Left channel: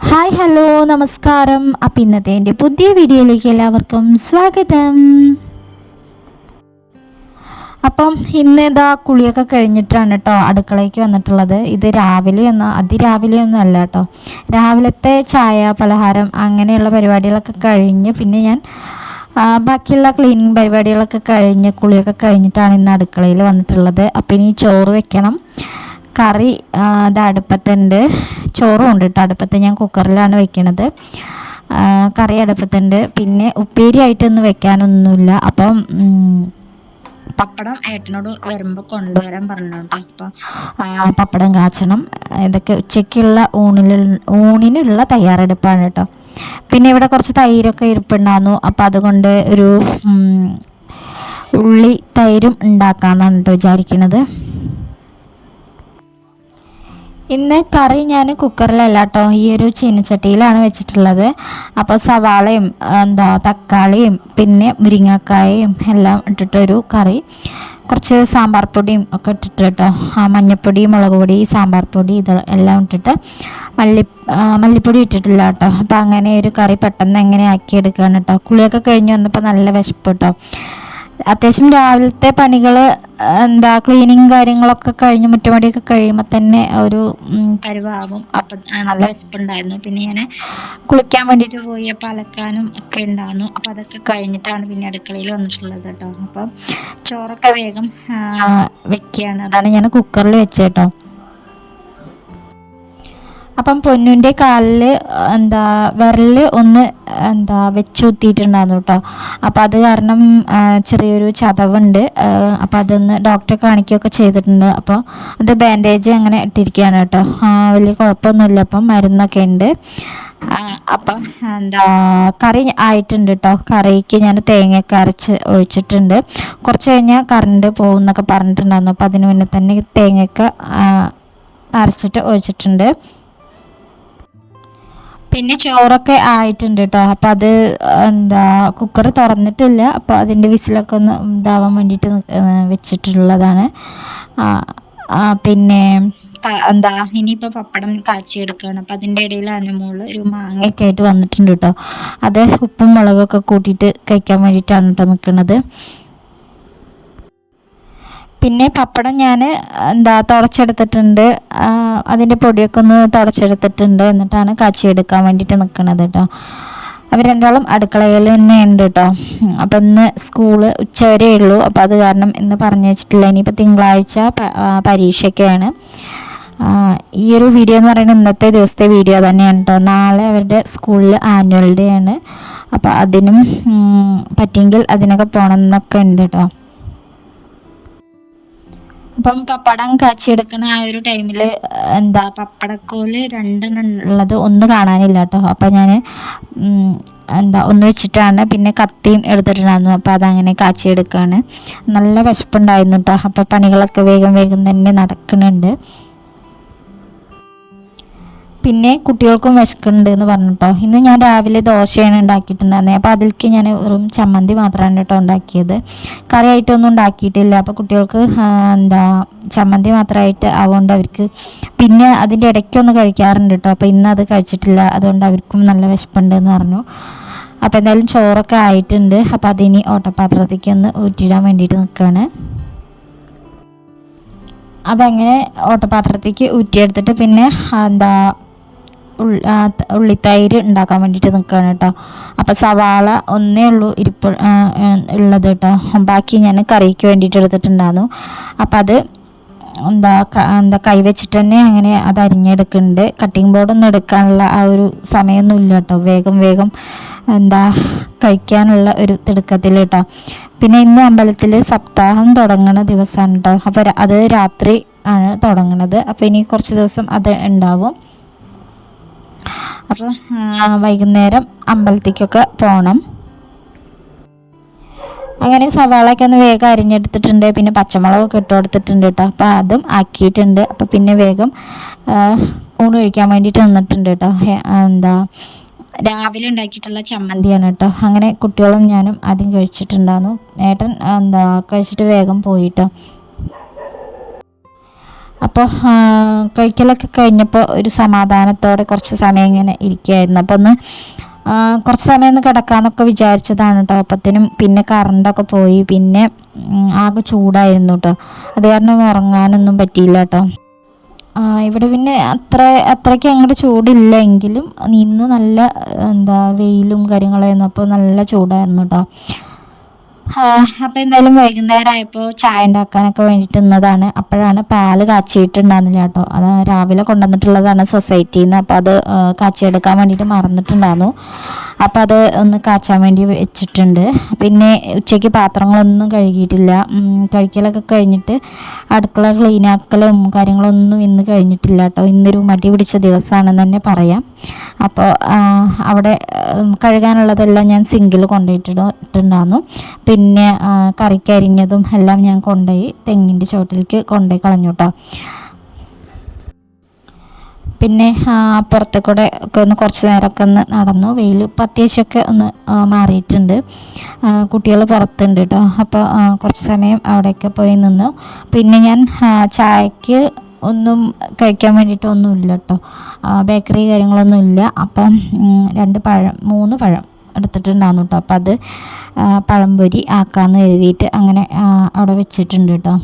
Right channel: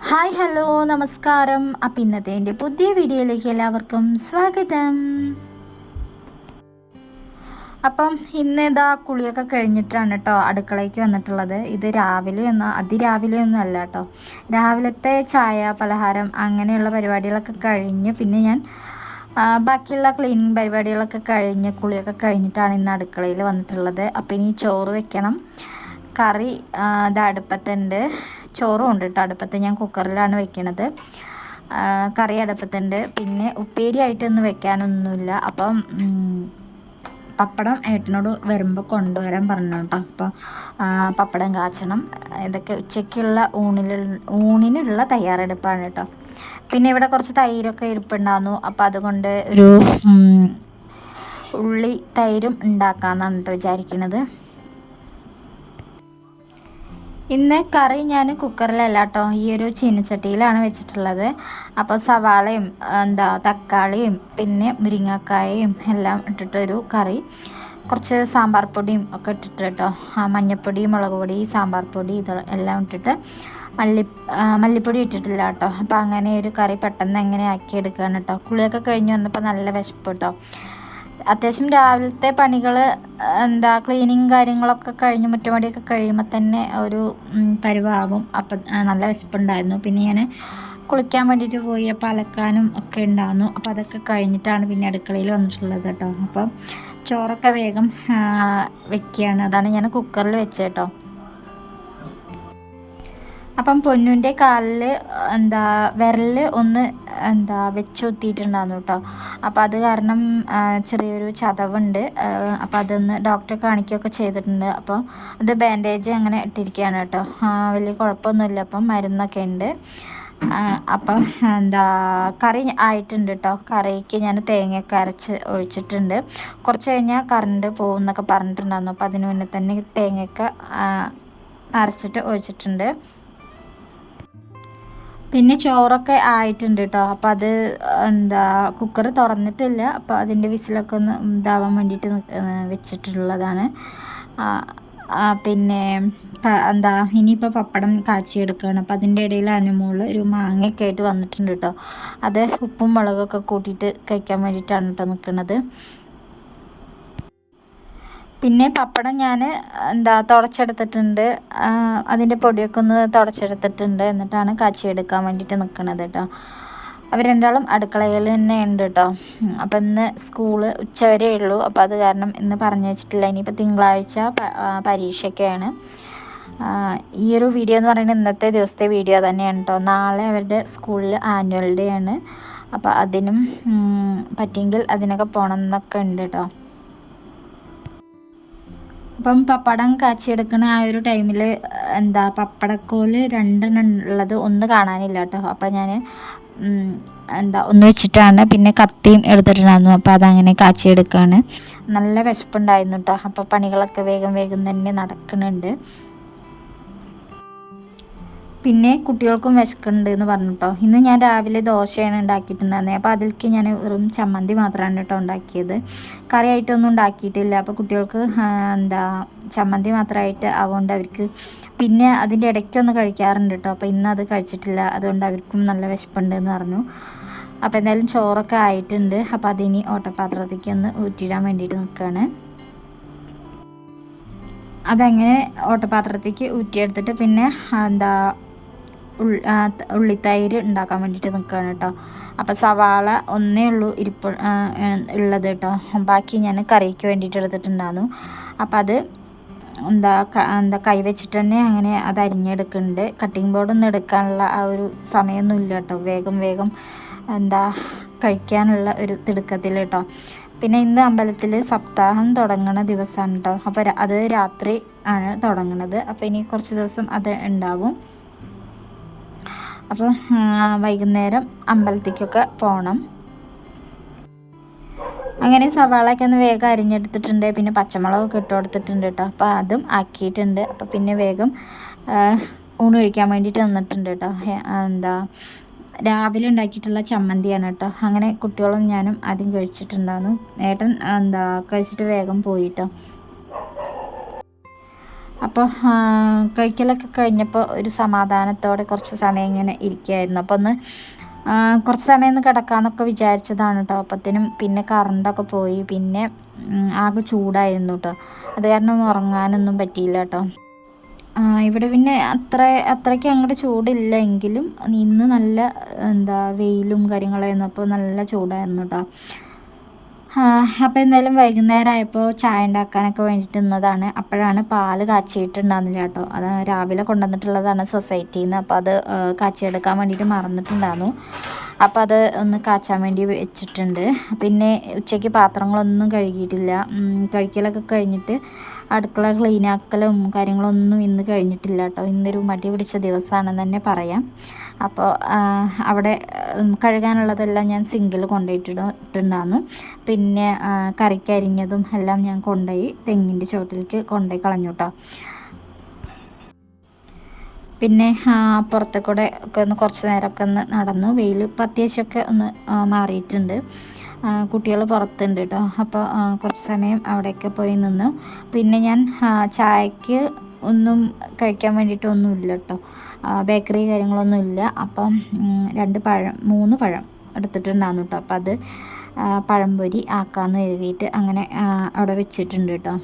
Hi hello നമസ്കാരം. അപ്പം ഇന്നത്തെ എൻ്റെ പുതിയ വീഡിയോയിലേക്ക് എല്ലാവർക്കും സ്വാഗതം. അപ്പം ഇന്ന് ഇതാ കുളിയൊക്കെ കഴിഞ്ഞിട്ടാണ് കേട്ടോ അടുക്കളയ്ക്ക് വന്നിട്ടുള്ളത്. ഇത് അതിരാവിലെയൊന്നും അല്ല കേട്ടോ. രാവിലത്തെ ചായ പലഹാരം അങ്ങനെയുള്ള പരിപാടികളൊക്കെ കഴിഞ്ഞ് പിന്നെ ഞാൻ ബാക്കിയുള്ള ക്ലീനിങ് പരിപാടികളൊക്കെ കഴിഞ്ഞ് കുളിയൊക്കെ കഴിഞ്ഞിട്ടാണ് ഇന്ന് അടുക്കളയിൽ വന്നിട്ടുള്ളത്. അപ്പം ഇനി ചോറ് വെക്കണം. കറി ഇത് അടുപ്പത്തുണ്ട്. ചോറും ഉണ്ട് കേട്ടോ അടുപ്പത്ത്. ഞാൻ കുക്കറിലാണ് വെക്കണത്. കറി അടുപ്പത്തുണ്ട്. പിന്നെ ഉപ്പേരി ആയിട്ടൊന്നും വെക്കാനൊന്നുമില്ല. അപ്പം പപ്പടം ഏട്ടനോട് വരുമ്പോൾ കൊണ്ടുവരാൻ പറഞ്ഞു കേട്ടോ. അപ്പോൾ പപ്പടം കാച്ചണം. ഇതൊക്കെ ഉച്ചയ്ക്കുള്ള ഊണിനുള്ള തയ്യാറെടുപ്പാണ് കേട്ടോ. പിന്നെ ഇവിടെ കുറച്ച് തൈരൊക്കെ ഇരിപ്പുണ്ടായിരുന്നു. അപ്പോൾ അതുകൊണ്ട് ഒരു ഉള്ളി തൈരും ഉണ്ടാക്കാമെന്നാണ് കേട്ടോ വിചാരിക്കുന്നത്. ഇന്ന് കറി ഞാൻ കുക്കറിലല്ല കേട്ടോ, ഈ ഒരു ചീനച്ചട്ടിയിലാണ് വെച്ചിട്ടുള്ളത്. അപ്പോൾ സവാളയും തക്കാളിയും പിന്നെ മുരിങ്ങക്കായയും എല്ലാം ഇട്ടിട്ടൊരു കറി, കുറച്ച് സാമ്പാർ പൊടിയും ഒക്കെ ഇട്ടിട്ട് കേട്ടോ, മഞ്ഞൾപ്പൊടി, മുളക് പൊടി, സാമ്പാർ പൊടി എല്ലാം ഇട്ടിട്ട് മല്ലിപ്പൊടി ഇട്ടിട്ടില്ല കേട്ടോ. അപ്പോൾ അങ്ങനെ ഒരു കറി പെട്ടെന്ന് എങ്ങനെ ആക്കിയെടുക്കുകയാണ് കേട്ടോ. കുളിയൊക്കെ കഴിഞ്ഞ് വന്നപ്പോൾ നല്ല വിശപ്പ് കേട്ടോ. അത്യാവശ്യം രാവിലത്തെ പണികൾ ക്ലീനിങ് കാര്യങ്ങളൊക്കെ കഴിഞ്ഞ് മുറ്റമടിയൊക്കെ കഴിയുമ്പോൾ തന്നെ ഒരു പരുവാകും. അപ്പം നല്ല വിശപ്പുണ്ടായിരുന്നു. പിന്നെ ഞാൻ കുളിക്കാൻ വേണ്ടിയിട്ട് പോയി. അപ്പോൾ അലക്കാനും ഒക്കെ ഉണ്ടായിരുന്നു. അപ്പോൾ അതൊക്കെ കഴിഞ്ഞിട്ടാണ് പിന്നെ അടുക്കളയിൽ വന്നിട്ടുള്ളത് കേട്ടോ. അപ്പം ചോറൊക്കെ വേഗം വെക്കുകയാണ്. അതാണ് ഞാൻ കുക്കറിൽ വെച്ചത് കേട്ടോ. അപ്പം പൊന്നുൻ്റെ കാലിൽ വിരൽ ഒന്ന് വെച്ചുകുത്തിയിട്ടുണ്ടായിരുന്നു കേട്ടോ. അപ്പോൾ അത് കാരണം ചെറിയൊരു ചതവുണ്ട്. അപ്പോൾ അതൊന്ന് ഡോക്ടറെ കാണിക്കുകയൊക്കെ ചെയ്തിട്ടുണ്ട്. അപ്പോൾ അത് ബാൻഡേജ് അങ്ങനെ ഇട്ടിരിക്കുകയാണ് കേട്ടോ. വലിയ കുഴപ്പമൊന്നുമില്ല. അപ്പം മരുന്നൊക്കെ ഉണ്ട്. അപ്പം കറി ആയിട്ടുണ്ട് കേട്ടോ. കറിക്ക് ഞാൻ തേങ്ങയൊക്കെ അരച്ച് ഒഴിച്ചിട്ടുണ്ട്. കുറച്ച് കഴിഞ്ഞാൽ കറണ്ട് പോകും എന്നൊക്കെ പറഞ്ഞിട്ടുണ്ടായിരുന്നു. അപ്പോൾ അതിന് മുന്നേ തന്നെ തേങ്ങയൊക്കെ അരച്ചിട്ട് ഒഴിച്ചിട്ടുണ്ട്. പിന്നെ ചോറൊക്കെ ആയിട്ടുണ്ട് കേട്ടോ. അപ്പം അത് കുക്കർ തുറന്നിട്ടില്ല. അപ്പോൾ അതിൻ്റെ വിസിലൊക്കെ ഒന്ന് ഇതാവാൻ വേണ്ടിയിട്ട് വെച്ചിട്ടുള്ളതാണ്. പിന്നെ ഇനിയിപ്പോൾ പപ്പടം കാച്ചിയെടുക്കുകയാണ്. അപ്പോൾ അതിൻ്റെ ഇടയിൽ അനുമോള് ഒരു മാങ്ങയൊക്കെ ആയിട്ട് വന്നിട്ടുണ്ട് കേട്ടോ. അത് ഉപ്പും മുളകൊക്കെ കൂട്ടിയിട്ട് കഴിക്കാൻ വേണ്ടിയിട്ടാണ് കേട്ടോ നിൽക്കുന്നത്. പിന്നെ പപ്പടം ഞാൻ തുടച്ചെടുത്തിട്ടുണ്ട്. അതിൻ്റെ പൊടിയൊക്കെ ഒന്ന് തുടച്ചെടുത്തിട്ടുണ്ട്. എന്നിട്ടാണ് കാച്ചിയെടുക്കാൻ വേണ്ടിയിട്ട് നിൽക്കുന്നത് കേട്ടോ. അവർ രണ്ടാളും അടുക്കളയിൽ തന്നെ ഉണ്ട് കേട്ടോ. അപ്പം ഇന്ന് സ്കൂള് ഉച്ചവരെ ഉള്ളൂ. അപ്പോൾ അത് കാരണം ഇന്ന് പറഞ്ഞു വെച്ചിട്ടില്ല. ഇനിയിപ്പോൾ തിങ്കളാഴ്ച പരീക്ഷയ്ക്കാണ്. ഈ ഒരു വീഡിയോ എന്ന് പറയുന്നത് ഇന്നത്തെ ദിവസത്തെ വീഡിയോ തന്നെയാണ് കേട്ടോ. നാളെ അവരുടെ സ്കൂളിൽ ആനുവൽ ഡേ ആണ്. അപ്പോൾ അതിനും പറ്റിയെങ്കിൽ അതിനൊക്കെ പോകണം എന്നൊക്കെ ഉണ്ട് കേട്ടോ. അപ്പം പപ്പടം കാച്ചിയെടുക്കണ ആ ഒരു ടൈമിൽ പപ്പടക്കോല് രണ്ടെണ്ണം ഉള്ളത് ഒന്ന് കാണാനില്ല കേട്ടോ. അപ്പം ഞാൻ ഒന്ന് വെച്ചിട്ടാണ് പിന്നെ കത്തിയും എടുത്തിട്ടുണ്ടായിരുന്നു. അപ്പോൾ അതങ്ങനെ കാച്ചിയെടുക്കുകയാണ്. നല്ല വിശപ്പുണ്ടായിരുന്നു കേട്ടോ. അപ്പോൾ പണികളൊക്കെ വേഗം വേഗം തന്നെ നടക്കുന്നുണ്ട്. പിന്നെ കുട്ടികൾക്കും വിശക്കുന്നുണ്ട് എന്ന് പറഞ്ഞിട്ടോ. ഇന്ന് ഞാൻ രാവിലെ ദോശയാണ് ഉണ്ടാക്കിയിട്ടുണ്ടായിരുന്നത്. അപ്പോൾ അതിലേക്ക് ഞാൻ വെറും ചമ്മന്തി മാത്രമാണ് കേട്ടോ ഉണ്ടാക്കിയത്. കറിയായിട്ടൊന്നും ഉണ്ടാക്കിയിട്ടില്ല. അപ്പോൾ കുട്ടികൾക്ക് ചമ്മന്തി മാത്രമായിട്ട് ആവുകൊണ്ട് അവർക്ക് പിന്നെ അതിൻ്റെ ഇടയ്ക്കൊന്ന് കഴിക്കാറുണ്ട് കേട്ടോ. അപ്പോൾ ഇന്ന് അത് കഴിച്ചിട്ടില്ല. അതുകൊണ്ട് അവർക്കും നല്ല വിശപ്പുണ്ട് എന്ന് പറഞ്ഞു. അപ്പോൾ എന്തായാലും ചോറൊക്കെ ആയിട്ടുണ്ട്. അപ്പോൾ അതിനി ഓട്ടപാത്രത്തേക്ക് ഒന്ന് ഊറ്റിയിടാൻ വേണ്ടിയിട്ട് നിൽക്കുകയാണ്. അതങ്ങനെ ഓട്ടപാത്രത്തേക്ക് ഊറ്റിയെടുത്തിട്ട് പിന്നെ ഉള്ളിത്തൈര് ഉണ്ടാക്കാൻ വേണ്ടിയിട്ട് നിൽക്കുകയാണ് കേട്ടോ. അപ്പോൾ സവാള ഒന്നേ ഉള്ളൂ ഉള്ളത് കേട്ടോ. ബാക്കി ഞാൻ കറിക്ക് വേണ്ടിയിട്ട് എടുത്തിട്ടുണ്ടായിരുന്നു. അപ്പം അത് കൈ വെച്ചിട്ട് തന്നെ അങ്ങനെ അത് അരിഞ്ഞെടുക്കുന്നുണ്ട്. കട്ടിംഗ് ബോർഡൊന്നും എടുക്കാനുള്ള ആ ഒരു സമയമൊന്നും ഇല്ല കേട്ടോ. വേഗം വേഗം കഴിക്കാനുള്ള ഒരു തിടുക്കത്തിൽ കേട്ടോ. പിന്നെ ഇന്ന് അമ്പലത്തിൽ സപ്താഹം തുടങ്ങുന്ന ദിവസമാണ് കേട്ടോ. അപ്പോൾ അത് രാത്രി ആണ് തുടങ്ങുന്നത്. അപ്പോൾ ഇനി കുറച്ച് ദിവസം അത് ഉണ്ടാവും. അപ്പോൾ വൈകുന്നേരം അമ്പലത്തേക്കൊക്കെ പോകണം. അങ്ങനെ സവാളയൊക്കെ ഒന്ന് വേഗം അരിഞ്ഞെടുത്തിട്ടുണ്ട്. പിന്നെ പച്ചമുളകൊക്കെ ഇട്ട് കൊടുത്തിട്ടുണ്ട് കേട്ടോ. അപ്പോൾ അതും ആക്കിയിട്ടുണ്ട്. അപ്പോൾ പിന്നെ വേഗം ഊണ് കഴിക്കാൻ വേണ്ടിയിട്ട് വന്നിട്ടുണ്ട് കേട്ടോ. രാവിലെ ഉണ്ടാക്കിയിട്ടുള്ള ചമ്മന്തിയാണ് കേട്ടോ. അങ്ങനെ കുട്ടികളും ഞാനും ആദ്യം കഴിച്ചിട്ടുണ്ടായിരുന്നു. ഏട്ടൻ കഴിച്ചിട്ട് വേഗം പോയിട്ടോ. അപ്പോൾ കഴിക്കലൊക്കെ കഴിഞ്ഞപ്പോൾ ഒരു സമാധാനത്തോടെ കുറച്ച് സമയം ഇങ്ങനെ ഇരിക്കുകയായിരുന്നു. അപ്പോൾ ഒന്ന് കുറച്ച് സമയം ഒന്ന് കിടക്കാമെന്നൊക്കെ വിചാരിച്ചതാണ് കേട്ടോ. അപ്പത്തേനും പിന്നെ കറണ്ടൊക്കെ പോയി, പിന്നെ ആകെ ചൂടായിരുന്നു കേട്ടോ. അത് കാരണം ഉറങ്ങാനൊന്നും പറ്റിയില്ല കേട്ടോ. ഇവിടെ പിന്നെ അത്രയ്ക്ക് അങ്ങോട്ട് ചൂടില്ല, എങ്കിലും ഇന്ന് നല്ല വെയിലും കാര്യങ്ങളായിരുന്നു. അപ്പോൾ നല്ല ചൂടായിരുന്നു കേട്ടോ. അപ്പോൾ എന്തായാലും വൈകുന്നേരം ആയപ്പോൾ ചായ ഉണ്ടാക്കാനൊക്കെ വേണ്ടിയിട്ട് നിന്നതാണ്. അപ്പോഴാണ് പാല് കാച്ചിയിട്ടുണ്ടായിരുന്നില്ല കേട്ടോ. അത് രാവിലെ കൊണ്ടുവന്നിട്ടുള്ളതാണ് സൊസൈറ്റിയിൽ നിന്ന്. അപ്പോൾ അത് കാച്ചിയെടുക്കാൻ വേണ്ടിയിട്ട് മറന്നിട്ടുണ്ടായിരുന്നു. അപ്പോൾ അത് ഒന്ന് കാച്ചാൻ വേണ്ടി വെച്ചിട്ടുണ്ട്. പിന്നെ ഉച്ചയ്ക്ക് പാത്രങ്ങളൊന്നും കഴുകിയിട്ടില്ല. കഴിക്കലൊക്കെ കഴിഞ്ഞിട്ട് അടുക്കള ക്ലീനാക്കലും കാര്യങ്ങളൊന്നും ഇന്ന് കഴിഞ്ഞിട്ടില്ല കേട്ടോ. ഇന്നൊരു മടി പിടിച്ച ദിവസമാണെന്ന് തന്നെ പറയാം. അപ്പോൾ അവിടെ കഴുകാനുള്ളതെല്ലാം ഞാൻ സിങ്കിൽ കൊണ്ടുപോയിട്ടുണ്ടായിരുന്നു. പിന്നെ കറിക്കരിഞ്ഞതും എല്ലാം ഞാൻ കൊണ്ടുപോയി തെങ്ങിൻ്റെ ചോട്ടിലേക്ക് കൊണ്ടുപോയി കളഞ്ഞു കേട്ടോ. പിന്നെ പുറത്തെ കൂടെ ഒക്കെ ഒന്ന് കുറച്ച് നേരമൊക്കെ ഒന്ന് നടന്നു. വെയിൽ ഇപ്പോൾ അത്യാവശ്യമൊക്കെ ഒന്ന് മാറിയിട്ടുണ്ട്. കുട്ടികൾ പുറത്തുണ്ട് കേട്ടോ. അപ്പോൾ കുറച്ച് സമയം അവിടെയൊക്കെ പോയി നിന്നു. പിന്നെ ഞാൻ ചായക്ക് ഒന്നും കഴിക്കാൻ വേണ്ടിയിട്ടൊന്നുമില്ല കേട്ടോ. ബേക്കറി കാര്യങ്ങളൊന്നും ഇല്ല. അപ്പം 3 പഴം എടുത്തിട്ടുണ്ടായിരുന്നു കേട്ടോ. അപ്പോൾ അത് പഴംപൊരി ആക്കാമെന്ന് കരുതിയിട്ട് അങ്ങനെ അവിടെ വെച്ചിട്ടുണ്ട് കേട്ടോ.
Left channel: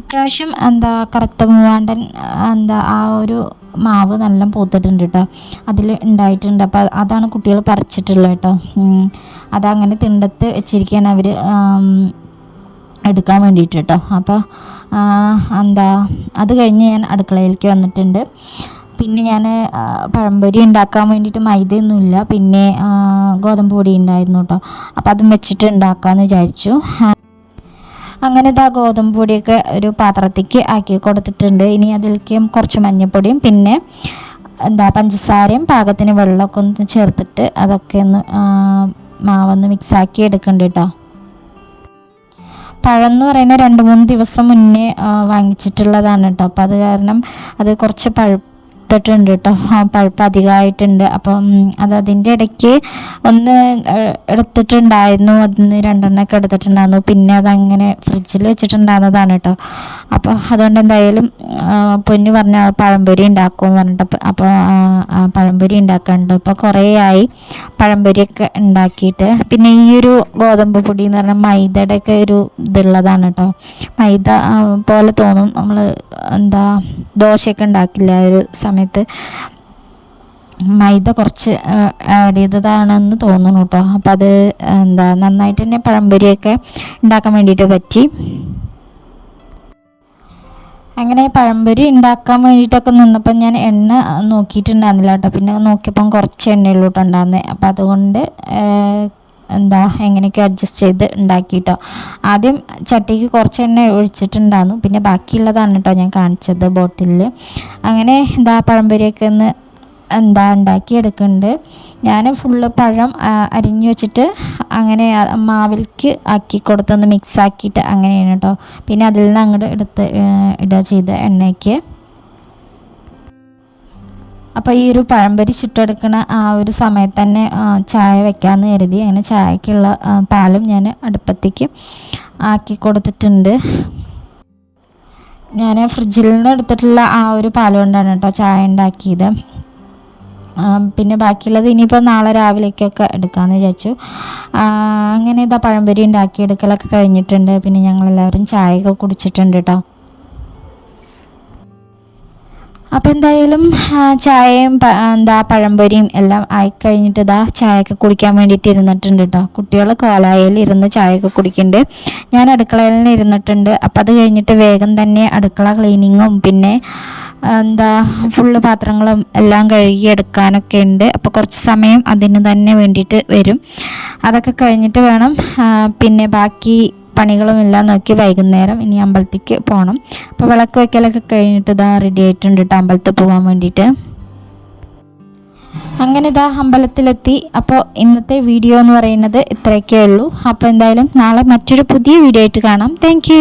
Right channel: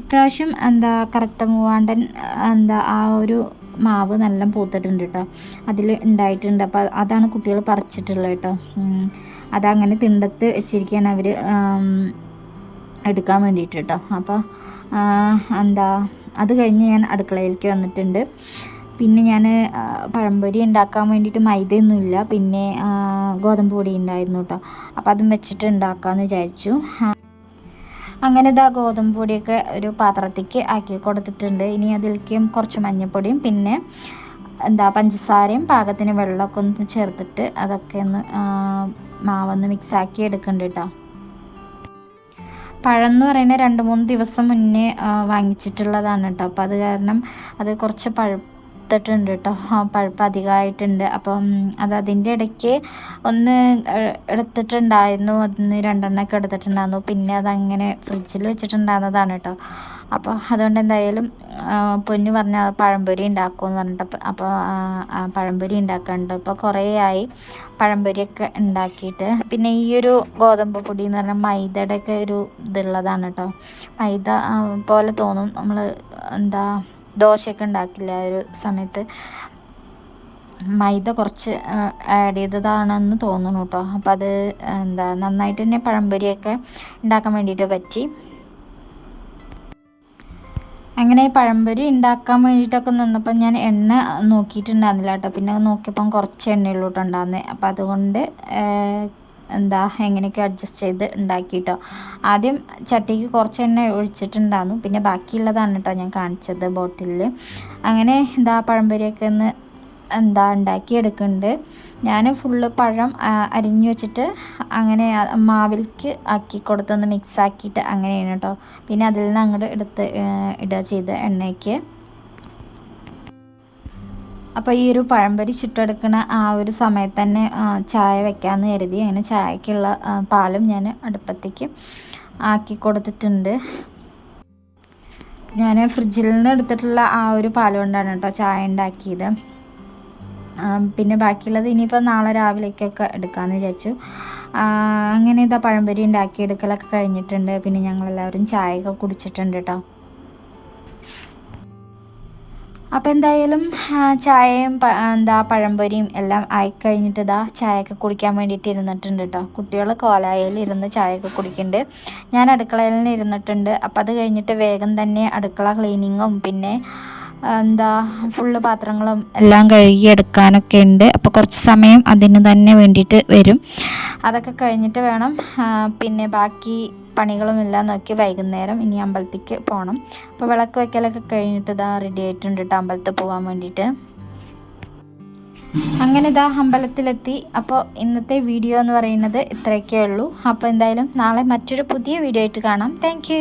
ഇപ്രാവശ്യം കറുത്ത മൂവാണ്ടൻ ആ ഒരു മാവ് നല്ല പൂത്തിട്ടുണ്ട് കേട്ടോ. അതിൽ ഉണ്ടായിട്ടുണ്ട്. അപ്പോൾ അതാണ് കുട്ടികൾ പറിച്ചിട്ടുള്ളത് കേട്ടോ. അതങ്ങനെ തിണ്ടത്ത് വെച്ചിരിക്കുകയാണ് അവർ എടുക്കാൻ വേണ്ടിയിട്ട് കേട്ടോ. അപ്പോൾ അത് കഴിഞ്ഞ് ഞാൻ അടുക്കളയിലേക്ക് വന്നിട്ടുണ്ട്. പിന്നെ ഞാൻ പഴംപൊരി ഉണ്ടാക്കാൻ വേണ്ടിയിട്ട് മൈദയൊന്നുമില്ല, പിന്നെ ഗോതമ്പ് പൊടി ഉണ്ടായിരുന്നു കേട്ടോ. അപ്പോൾ അതും വെച്ചിട്ട് ഉണ്ടാക്കാമെന്ന് വിചാരിച്ചു. അങ്ങനെ ഇതാ ഗോതമ്പ് പൊടിയൊക്കെ ഒരു പാത്രത്തേക്ക് ആക്കി കൊടുത്തിട്ടുണ്ട്. ഇനി അതിലേക്ക് കുറച്ച് മഞ്ഞൾപ്പൊടിയും പിന്നെ പഞ്ചസാരയും പാകത്തിന് വെള്ളമൊക്കെ ഒന്ന് ചേർത്തിട്ട് അതൊക്കെ ഒന്ന് മാവൊന്ന് മിക്സാക്കി എടുക്കണ്ട കേട്ടോ. പഴം എന്ന് പറയുന്നത് 2-3 ദിവസം മുന്നേ വാങ്ങിച്ചിട്ടുള്ളതാണ് കേട്ടോ. അപ്പോൾ അത് കാരണം അത് കുറച്ച് പഴുത്തിട്ടുണ്ട് കേട്ടോ. പഴുപ്പ് അധികമായിട്ടുണ്ട്. അപ്പം അതിൻ്റെ ഇടയ്ക്ക് ഒന്ന് എടുത്തിട്ടുണ്ടായിരുന്നു. അതിന് 2 എണ്ണമൊക്കെ എടുത്തിട്ടുണ്ടായിരുന്നു. പിന്നെ അതങ്ങനെ ഫ്രിഡ്ജിൽ വെച്ചിട്ടുണ്ടാകുന്നതാണ് കേട്ടോ. അപ്പോൾ അതുകൊണ്ട് എന്തായാലും പൊന്നു പറഞ്ഞ പഴംപൊരി ഉണ്ടാക്കുമെന്ന് പറഞ്ഞിട്ട് അപ്പോൾ പഴംപൊരി ഉണ്ടാക്കാനുണ്ട്. ഇപ്പോൾ കുറേ ആയി പഴംപൊരിയൊക്കെ ഉണ്ടാക്കിയിട്ട്. പിന്നെ ഈ ഒരു ഗോതമ്പ് പൊടി എന്ന് പറഞ്ഞാൽ മൈദയുടെയൊക്കെ ഒരു ഇതുള്ളതാണ് കേട്ടോ. മൈദ പോലെ തോന്നും. നമ്മൾ ദോശയൊക്കെ ഉണ്ടാക്കില്ല ഒരു സമയത്ത് മൈദ കുറച്ച് ആഡ് ചെയ്തതാണെന്ന് തോന്നുന്നു കേട്ടോ. അപ്പോൾ അത് നന്നായിട്ട് തന്നെ പഴംപൊരിയൊക്കെ ഉണ്ടാക്കാൻ വേണ്ടിയിട്ട് പറ്റി. അങ്ങനെ പഴംപൊരി ഉണ്ടാക്കാൻ വേണ്ടിയിട്ടൊക്കെ നിന്നപ്പോൾ ഞാൻ എണ്ണ നോക്കിയിട്ടുണ്ടായിരുന്നില്ല കേട്ടോ. പിന്നെ നോക്കിയപ്പം കുറച്ച് എണ്ണയുള്ളൂ കേട്ടോ ഉണ്ടായിരുന്നത്. അപ്പം അതുകൊണ്ട് എങ്ങനെയൊക്കെ അഡ്ജസ്റ്റ് ചെയ്ത് ഉണ്ടാക്കി കേട്ടോ. ആദ്യം ചട്ടിക്ക് കുറച്ച് എണ്ണ ഒഴിച്ചിട്ടുണ്ടായിരുന്നു. പിന്നെ ബാക്കിയുള്ളതാണ് കേട്ടോ ഞാൻ കാണിച്ചത് ബോട്ടിലിൽ. അങ്ങനെ പഴംപൊരിയൊക്കെ ഒന്ന് ഉണ്ടാക്കിയെടുക്കുന്നുണ്ട്. ഞാൻ ഫുള്ള് പഴം അരിഞ്ഞു വെച്ചിട്ട് അങ്ങനെ മാവിലേക്ക് ആക്കി കൊടുത്തൊന്ന് മിക്സ് ആക്കിയിട്ട് അങ്ങനെയാണ് കേട്ടോ. പിന്നെ അതിൽ നിന്ന് അങ്ങോട്ട് ഇടുക ചെയ്ത് എണ്ണയ്ക്ക്. അപ്പോൾ ഈ ഒരു പഴംപൊരി ചുട്ടെടുക്കുന്ന ആ ഒരു സമയത്ത് തന്നെ ചായ വെക്കാമെന്ന് കരുതി. അങ്ങനെ ചായക്കുള്ള പാലും ഞാൻ അടുപ്പത്തേക്ക് ആക്കി കൊടുത്തിട്ടുണ്ട്. ഞാൻ ഫ്രിഡ്ജിൽ നിന്ന് എടുത്തിട്ടുള്ള ആ ഒരു പാൽ കൊണ്ടാണ് കേട്ടോ ചായ ഉണ്ടാക്കിയത്. പിന്നെ ബാക്കിയുള്ളത് ഇനിയിപ്പോൾ നാളെ രാവിലേക്കൊക്കെ എടുക്കാമെന്ന് വിചാരിച്ചു. അങ്ങനെ പഴംപൊരി ഉണ്ടാക്കിയെടുക്കലൊക്കെ കഴിഞ്ഞിട്ടുണ്ട്. പിന്നെ ഞങ്ങളെല്ലാവരും ചായയൊക്കെ കുടിച്ചിട്ടുണ്ട് കേട്ടോ. അപ്പോൾ എന്തായാലും ചായയും പഴംപൊരിയും എല്ലാം ആയിക്കഴിഞ്ഞിട്ട് ചായയൊക്കെ കുടിക്കാൻ വേണ്ടിയിട്ട് ഇരുന്നിട്ടുണ്ട് കേട്ടോ. കുട്ടികൾ കോലായിൽ ഇരുന്ന് ചായയൊക്കെ കുടിക്കുന്നുണ്ട്. ഞാൻ അടുക്കളയിൽ നിന്ന് ഇരുന്നിട്ടുണ്ട്. അപ്പോൾ അത് കഴിഞ്ഞിട്ട് വേഗം തന്നെ അടുക്കള ക്ലീനിങ്ങും പിന്നെ ഫുള്ള് പാത്രങ്ങളും എല്ലാം കഴുകിയെടുക്കാനൊക്കെ ഉണ്ട്. അപ്പോൾ കുറച്ച് സമയം അതിന് തന്നെ വേണ്ടിയിട്ട് വരും. അതൊക്കെ കഴിഞ്ഞിട്ട് വേണം പിന്നെ ബാക്കി പണികളും എല്ലാം നോക്കി വൈകുന്നേരം ഇനി അമ്പലത്തേക്ക് പോകണം. അപ്പോൾ വിളക്ക് വയ്ക്കലൊക്കെ കഴിഞ്ഞിട്ട് റെഡി ആയിട്ടുണ്ട് കേട്ടോ അമ്പലത്തിൽ പോകാൻ വേണ്ടിയിട്ട്. അങ്ങനെ അമ്പലത്തിലെത്തി. അപ്പോൾ ഇന്നത്തെ വീഡിയോ എന്ന് പറയുന്നത് ഇത്രയൊക്കെ ഉള്ളൂ. അപ്പോൾ എന്തായാലും നാളെ മറ്റൊരു പുതിയ വീഡിയോ ആയിട്ട് കാണാം. താങ്ക്